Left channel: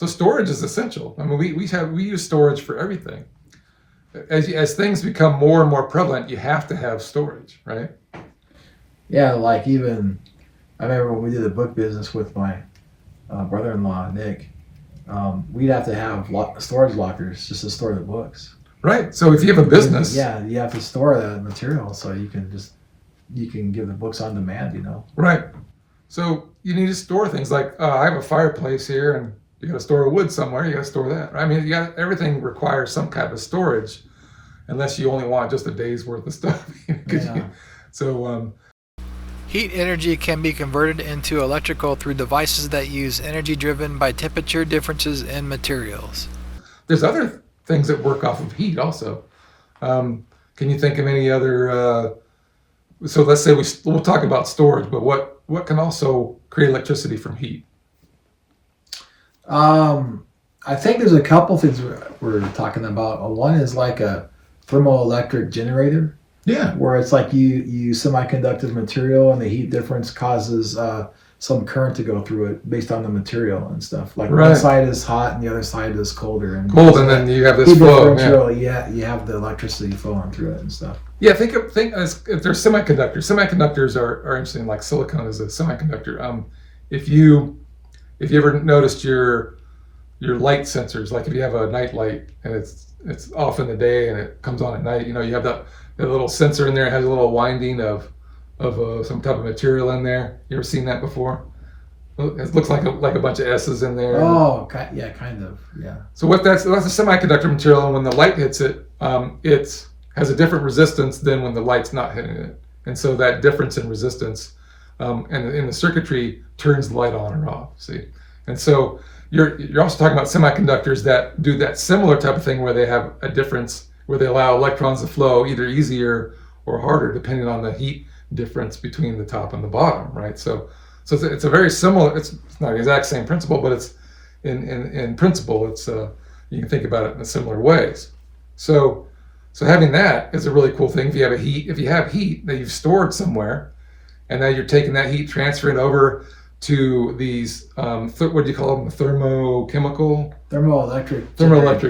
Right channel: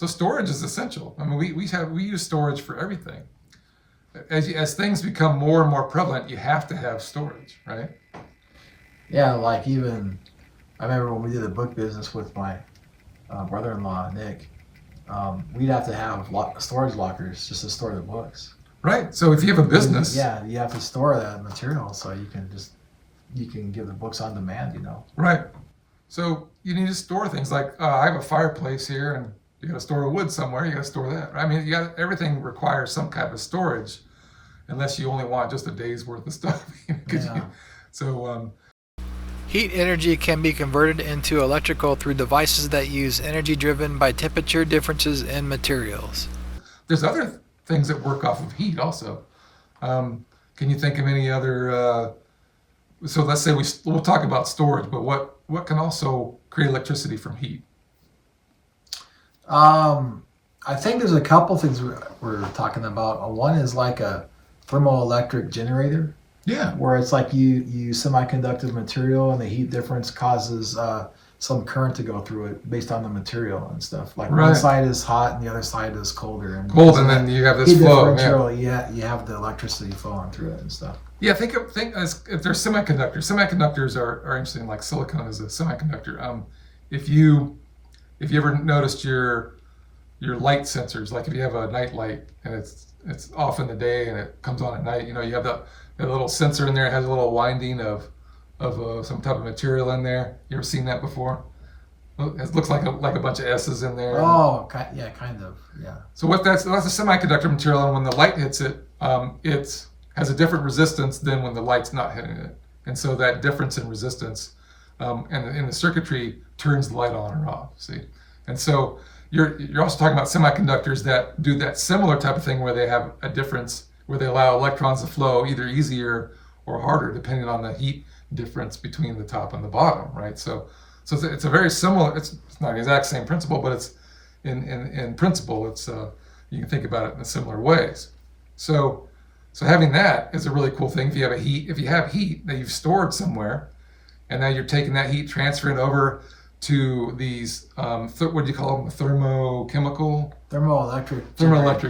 So storage is essential. I mean, we use storage for everything. As things become more and more prevalent, you have to have storage, right? Yeah, like even I remember when we did the book business with my brother-in-law Nick. We'd have to have storage lockers just to store the books. Right. So if you have a business, yeah, you have to store that material so you can give the books on demand. Right. So you need to store things like I have a fireplace here, and you got to store wood somewhere. You got to store that. Right? I mean, everything requires some kind of storage, unless you only want just a day's worth of stuff. Heat energy can be converted into electrical through devices that use energy driven by temperature differences in materials. There's other things that work off of heat also. Can you think of any other? So let's say we'll talk about storage, but what can also create electricity from heat? I think there's a couple things we're talking about. One is like a thermoelectric generator. Yeah. Where it's like you use semiconductor material and the heat difference causes some current to go through it based on the material and stuff. Like one side is hot and the other side is colder. And then you have this flow. Yeah, you have the electricity flowing through it and stuff. Yeah, think if there's semiconductors. Semiconductors are interesting. Like silicon is a semiconductor. If you ever noticed your light sensors, like if you have a night light and it's off in the day and it comes on at night, you have that little sensor in there. It has a little winding of some type of material in there. You ever seen that before? It looks like a bunch of S's in there. Oh, yeah, kind of, yeah. So that's a semiconductor material, and when the light hits it, it has a different resistance than when the light's not hitting it. And so that difference in resistance and in the circuitry turns the light on or off. See, and so you're also talking about semiconductors that do that similar type of thing where they have a difference, where they allow electrons to flow either easier or harder depending on the heat difference between the top and the bottom, right? So it's a very similar. It's not the exact same principle, but it's in principle. It's you can think about it in similar ways. So having that is a really cool thing. If you have heat that you've stored somewhere, and now you're taking that heat, transferring over to these what do you call them? The thermoelectric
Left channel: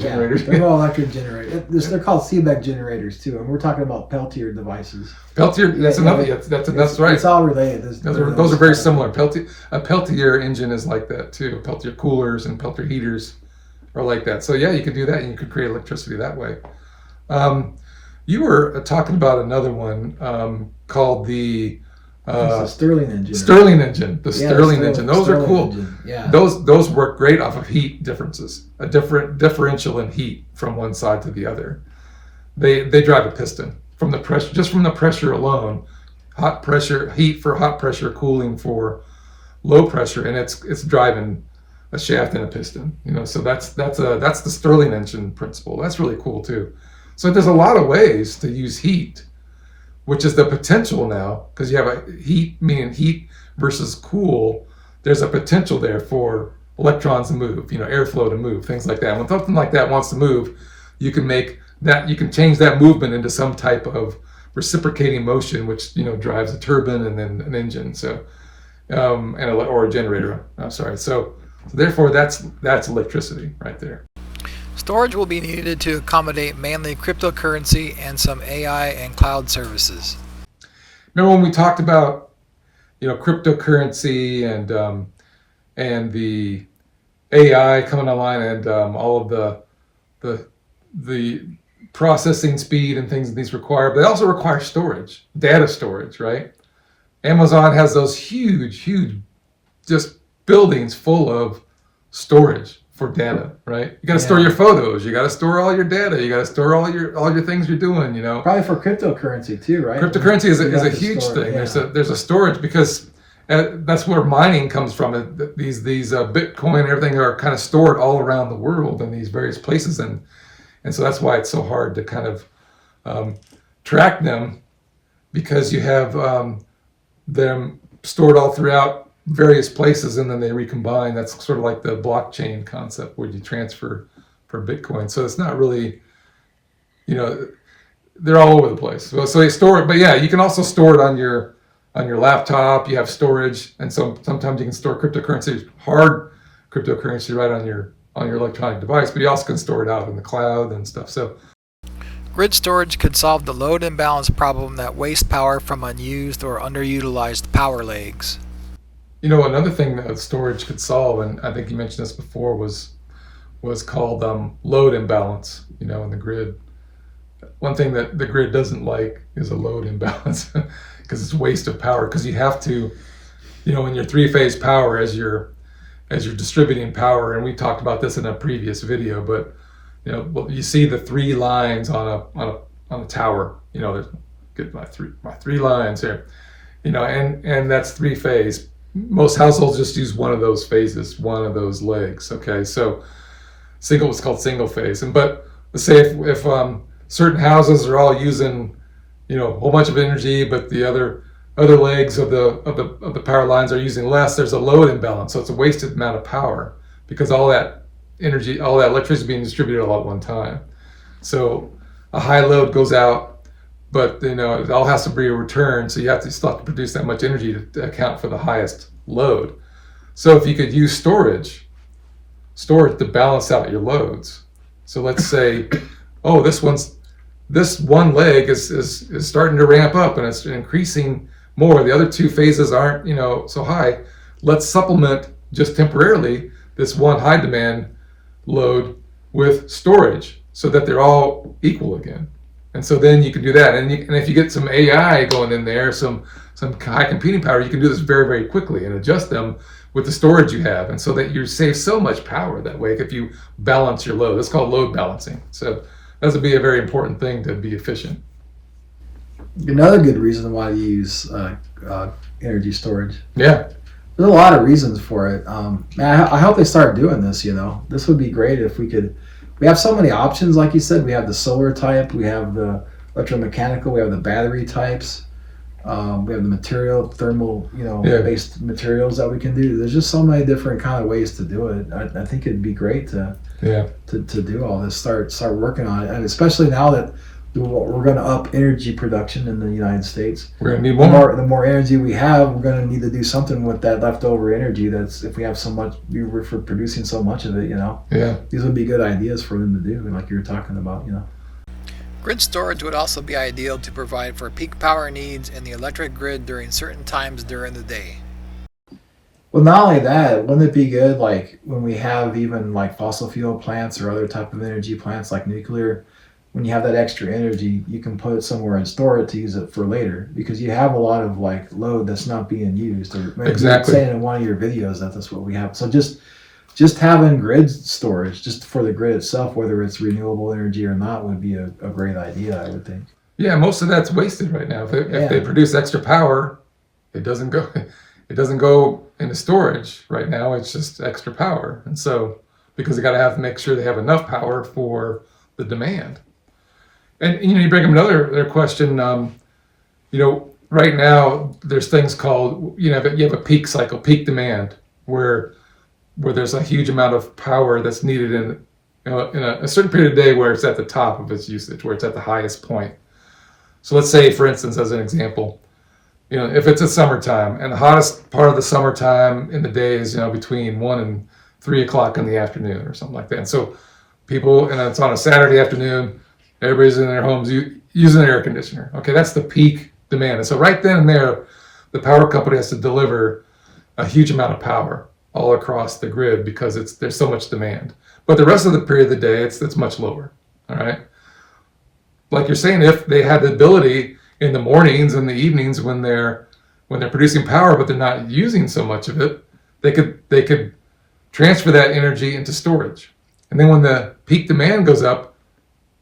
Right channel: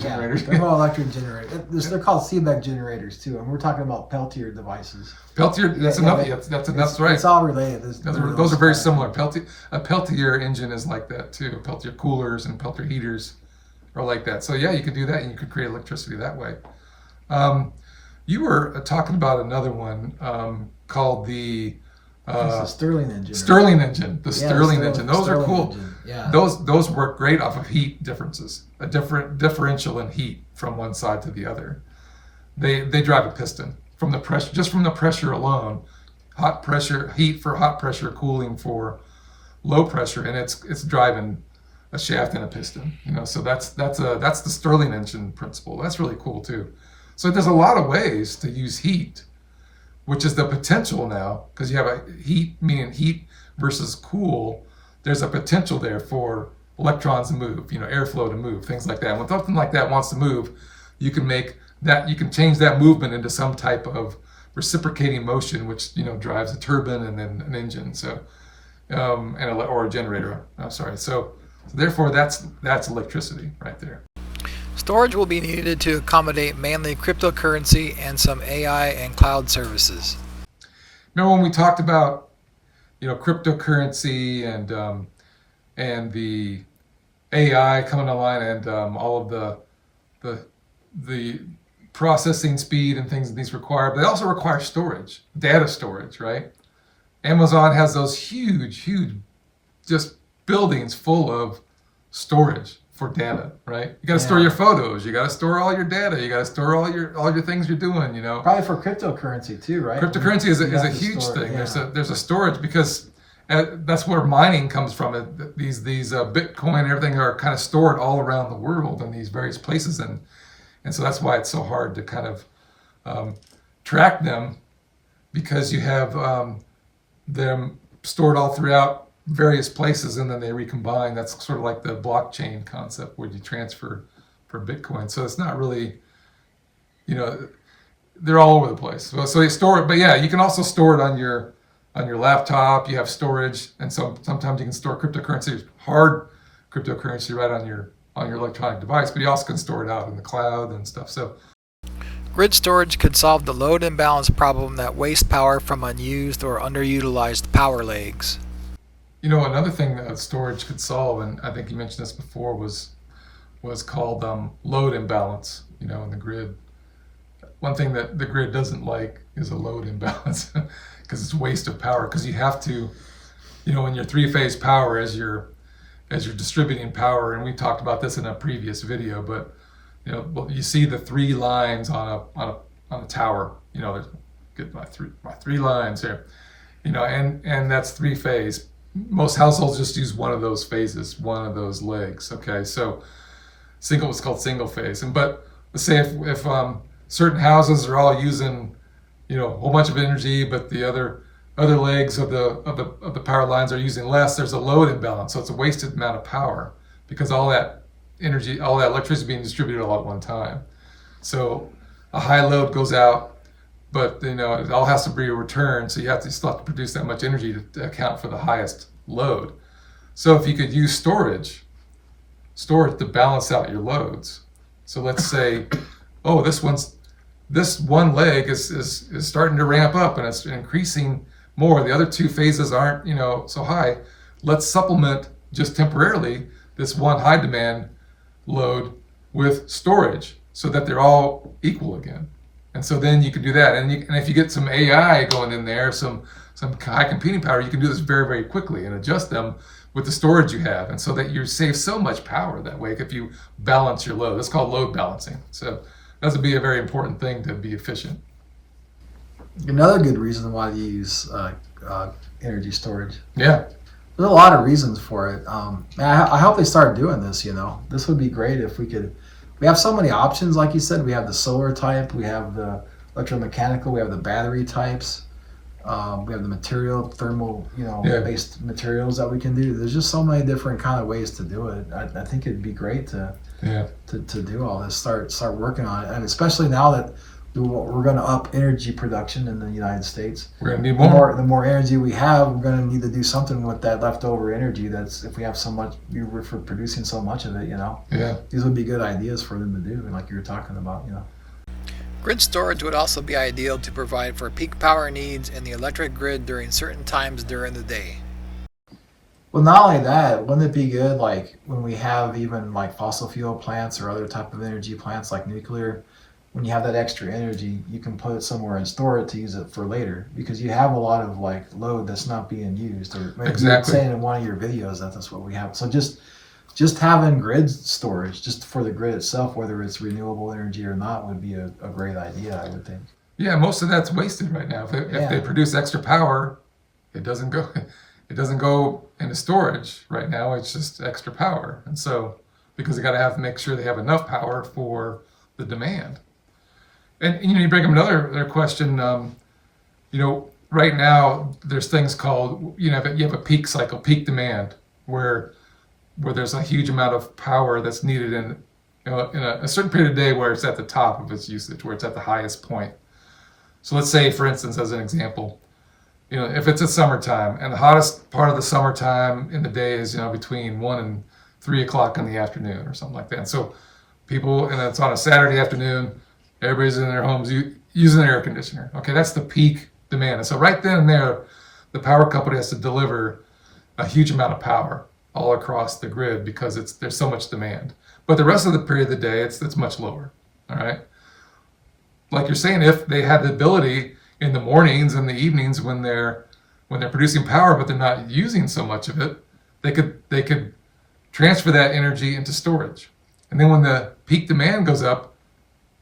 generators. Yeah, thermoelectric generators. They're called Seebeck generators too, and we're talking about Peltier devices. Peltier, that's another. That's right. It's all related. Those are very similar. A Peltier engine is like that too. Peltier coolers and Peltier heaters are like that. So yeah, you could do that, and you could create electricity that way. You were talking about another one called the Stirling engine. Stirling engine. The Stirling engine. Those are cool. Engine. Yeah. Those work great off of heat differences. A different differential in heat from one side to the other. They drive a piston from the pressure, just from the pressure alone. Hot pressure, heat for hot pressure, cooling for low pressure, and it's driving a shaft and a piston. So that's the Stirling engine principle. That's really cool too. So there's a lot of ways to use heat, which is the potential now, because you have a heat, meaning heat versus cool. There's a potential there for electrons to move, airflow to move, things like that. And when something like that wants to move, you can change that movement into some type of reciprocating motion, which drives a turbine and then an engine. So, or a generator. I'm sorry. So, therefore, that's electricity right there. Storage will be needed to accommodate mainly cryptocurrency and some AI and cloud services. Remember when we talked about, cryptocurrency and the AI coming online and all of the processing speed and things that these require, but they also require storage, data storage, right? Amazon has those huge, just buildings full of storage for data, right? You got to store your photos. You got to store all your data. You got to store all your things you're doing. Probably for cryptocurrency too, right? Cryptocurrency is a huge thing. Yeah. There's a storage because that's where mining comes from. These Bitcoin and everything are kind of stored all around the world in these various places, and so that's why it's so hard to kind of track them, because you have them stored all throughout various places and then they recombine. That's sort of like the blockchain concept where you transfer for Bitcoin. So it's not really, they're all over the place. So they store it, but yeah, you can also store it on your laptop. You have storage, and so sometimes you can store cryptocurrency, hard cryptocurrency, right on your on your electronic device, but you also can store it out in the cloud and stuff. So Grid storage could solve the load imbalance problem that wastes power from unused or underutilized power legs. Another thing that storage could solve, and I think you mentioned this before, was called load imbalance, in the grid. One thing that the grid doesn't like is a load imbalance because it's waste of power, because you have to, in your three-phase power, as you're distributing power, and we talked about this in a previous video, but you see the three lines on a tower. There's get my three lines here, and that's three phase. Most households just use one of those phases, one of those legs. Okay, so what's called single phase. But let's say if certain houses are all using a whole bunch of energy, but the other legs of the power lines are using less, there's a load imbalance. So it's a wasted amount of power because all that energy, all that electricity being distributed all at one time. So a high load goes out, but it all has to be returned. So you still have to produce that much energy to account for the highest load. So if you could use storage to balance out your loads. So let's say, oh, this one leg is starting to ramp up and it's increasing more. The other two phases aren't so high. Let's supplement just temporarily this one high demand load with storage so that they're all equal again. And so then you can do that. And if you get some AI going in there, some high computing power, you can do this very, very quickly and adjust them with the storage you have. And so that you save so much power that way if you balance your load. That's called load balancing. So that would be a very important thing to be efficient. Another good reason why to use energy storage. Yeah. There's a lot of reasons for it. I hope they start doing this. This would be great if we could. We have so many options, like you said. We have the solar type, we have the electromechanical, we have the battery types, we have the material, thermal, based materials that we can do. There's just so many different kind of ways to do it. I think it'd be great to do all this. Start working on it, and especially now that we're going to up energy production in the United States. We're going to need more. The more energy we have, we're going to need to do something with that leftover energy. That's if we have so much, we're producing so much of it. Yeah. These would be good ideas for them to do, like you were talking about. Grid storage would also be ideal to provide for peak power needs in the electric grid during certain times during the day. Well, not only that, wouldn't it be good, like when we have even like fossil fuel plants or other type of energy plants like nuclear? When you have that extra energy, you can put it somewhere and store it to use it for later, because you have a lot of like load that's not being used. Or maybe exactly. You're saying in one of your videos that's what we have. So just having grid storage just for the grid itself, whether it's renewable energy or not, would be a great idea, I would think. Yeah, most of that's wasted right now. If they produce extra power, it doesn't go into storage right now. It's just extra power, and so because they got to make sure they have enough power for the demand. And you bring up another question. Right now there's things called you have a peak cycle, peak demand, where there's a huge amount of power that's needed in a certain period of day where it's at the top of its usage, where it's at the highest point. So let's say, for instance, as an example, if it's a summertime and the hottest part of the summertime in the day is between 1 and 3 o'clock in the afternoon or something like that. And so people, and it's on a Saturday afternoon. Everybody's in their homes using an air conditioner. Okay, that's the peak demand. And so right then and there, the power company has to deliver a huge amount of power all across the grid because there's so much demand. But the rest of the period of the day, it's much lower. All right. Like you're saying, if they had the ability in the mornings and the evenings when they're producing power, but they're not using so much of it, they could transfer that energy into storage. And then when the peak demand goes up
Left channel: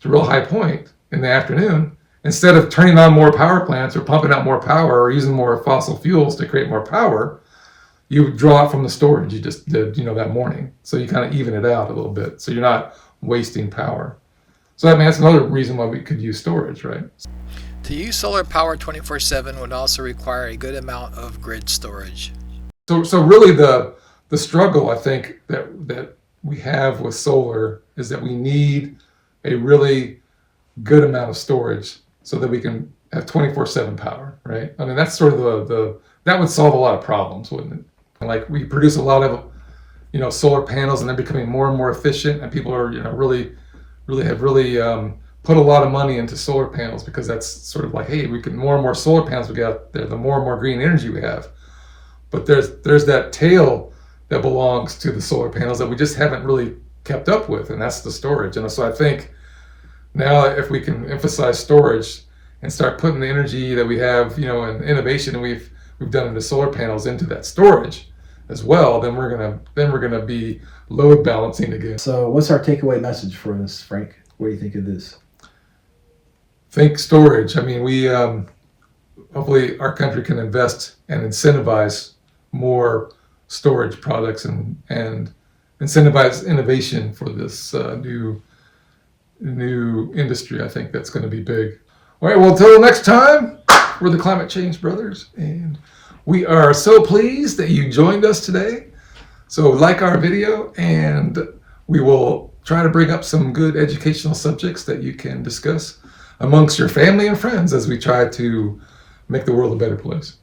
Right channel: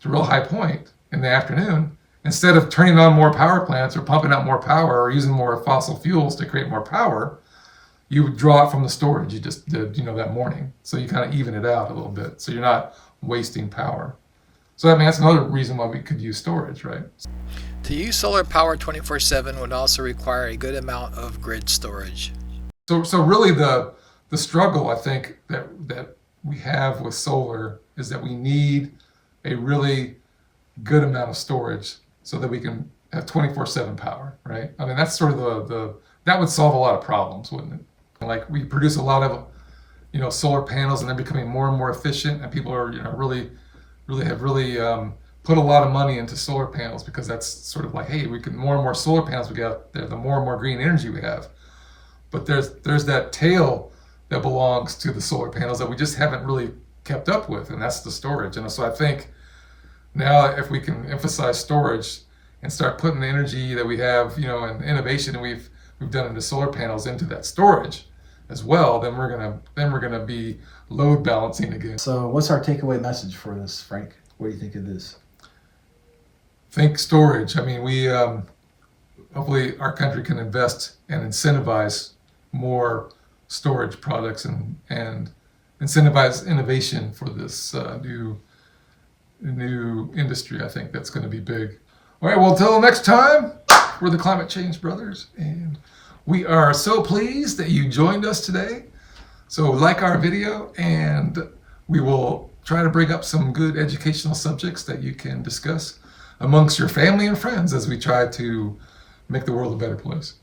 to a real high point in the afternoon, instead of turning on more power plants or pumping out more power or using more fossil fuels to create more power, you draw it from the storage you just did, that morning. So you kind of even it out a little bit. So you're not wasting power. So that's another reason why we could use storage, right? To use solar power 24/7 would also require a good amount of grid storage. So really the struggle, I think, that we have with solar is that we need a really good amount of storage so that we can have 24/7 power, right? I mean, that's sort of that would solve a lot of problems, wouldn't it? Like we produce a lot of solar panels, and they're becoming more and more efficient, and people are really have put a lot of money into solar panels, because that's sort of like, hey, we can, more and more solar panels we get out there, the more and more green energy we have. But there's that tail that belongs to the solar panels that we just haven't really kept up with, and that's the storage. And so I think now, if we can emphasize storage and start putting the energy that we have, and innovation that we've done into solar panels into that storage as well, then we're gonna be load balancing again. So what's our takeaway message for this, Frank? What do you think of this? Think storage. I mean, we hopefully our country can invest and incentivize more storage products and incentivize innovation for this new industry. I think that's going to be big. All right, well, until next time, we're the Climate Change Brothers, and we are so pleased that you joined us today. So like our video, and we will try to bring up some good educational subjects that you can discuss amongst your family and friends as we try to make the world a better place.